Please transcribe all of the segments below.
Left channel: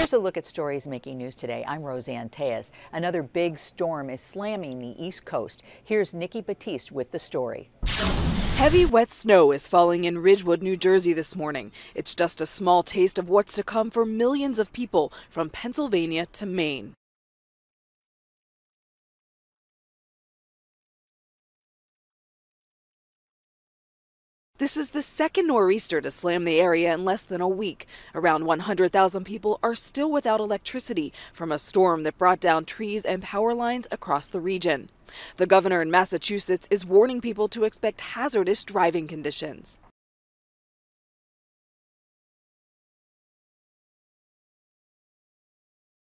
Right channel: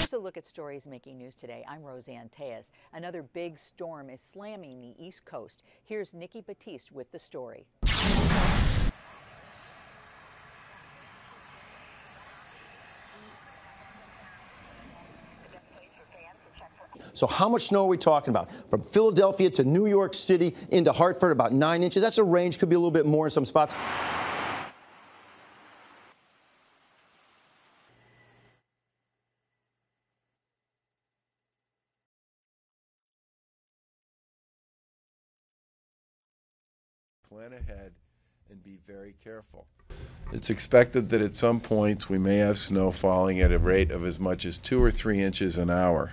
Here's a look at stories making news today. I'm Roseanne Tejas. Another big storm is slamming the East Coast. Here's Nikki Batiste with the story. Heavy, wet snow is falling in Ridgewood, New Jersey this morning. It's just a small taste of what's to come for millions of people from Pennsylvania to Maine. So how much snow are we talking about? From Philadelphia to New York City into Hartford, about 9 inches. That's a range, could be a little bit more in some spots. This is the second nor'easter to slam the area in less than a week. Around 100,000 people are still without electricity from a storm that brought down trees and power lines across the region. The governor in Massachusetts is warning people to expect hazardous driving conditions. It's expected that at some points we may have snow falling at a rate of as much as 2 or 3 inches an hour.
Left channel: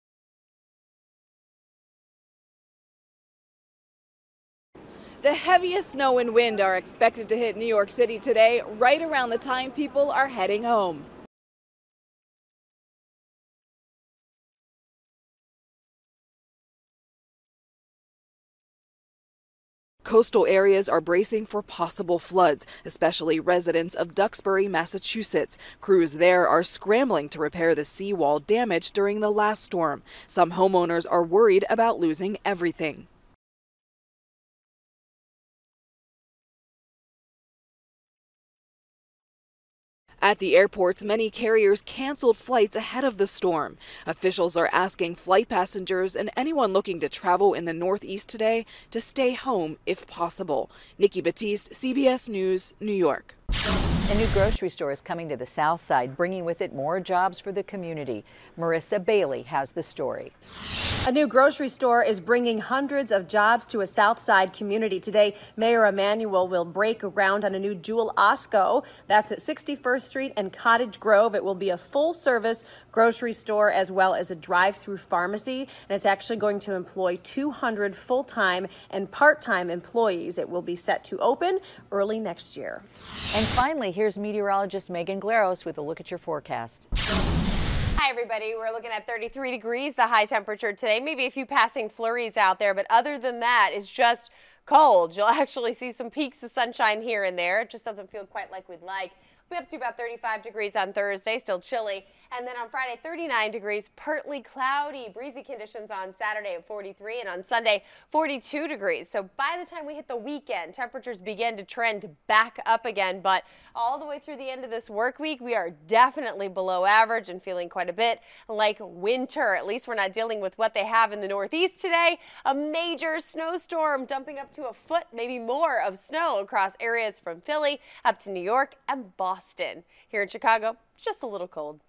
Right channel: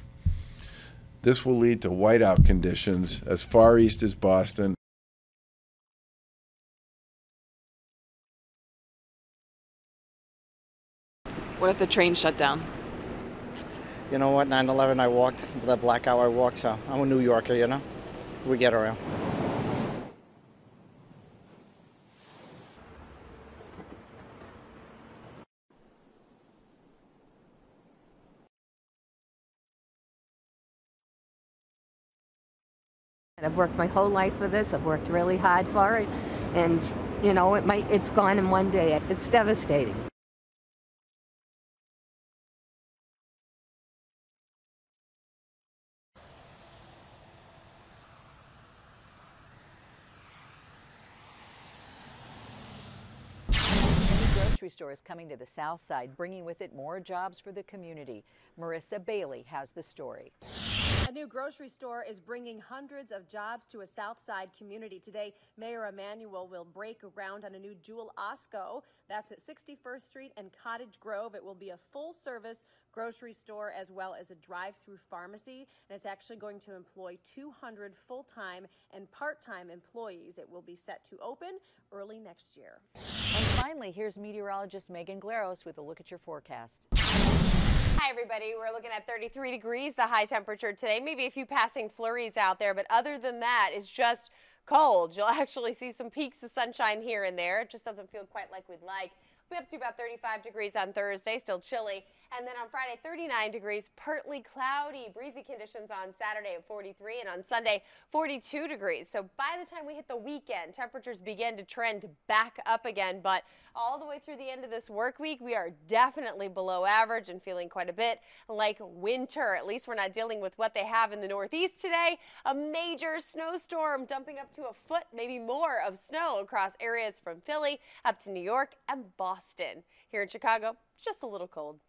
This will lead to whiteout conditions as far east as Boston. The heaviest snow and wind are expected to hit New York City today, right around the time people are heading home. What if the train shut down? You know what, 9/11 I walked, the blackout I walked, so I'm a New Yorker, you know. We get around. Coastal areas are bracing for possible floods, especially residents of Duxbury, Massachusetts. Crews there are scrambling to repair the seawall damaged during the last storm. Some homeowners are worried about losing everything. I've worked my whole life for this. I've worked really hard for it, and you know, it's gone in one day. It's devastating. At the airports, many carriers canceled flights ahead of the storm. Officials are asking flight passengers and anyone looking to travel in the Northeast today to stay home if possible. Nikki Batiste, CBS News, New York. A new grocery store is coming to the South Side, bringing with it more jobs for the community. Marissa Bailey has the story. A new grocery store is bringing hundreds of jobs to a South Side community. Today, Mayor Emanuel will break ground on a new Jewel Osco. That's at 61st Street and Cottage Grove. It will be a full-service grocery store as well as a drive-through pharmacy, and it's actually going to employ 200 full-time and part-time employees. It will be set to open early next year. And finally, here's meteorologist Megan Glaros with a look at your forecast. Hi, everybody. We're looking at 33 degrees, the high temperature today. Maybe a few passing flurries out there, but other than that, it's just cold. You'll actually see some peaks of sunshine here and there. It just doesn't feel quite like we'd like. We'll be up to about 35 degrees on Thursday, still chilly. And then on Friday, 39 degrees, partly cloudy, breezy conditions on Saturday at 43, and on Sunday, 42 degrees. So by the time we hit the weekend, temperatures begin to trend back up again. But all the way through the end of this work week, we are definitely below average and feeling quite a bit like winter. At least we're not dealing with what they have in the Northeast today. A major snowstorm dumping up to a foot, maybe more, of snow across areas from Philly up to New York and Boston. Here in Chicago, it's just a little cold.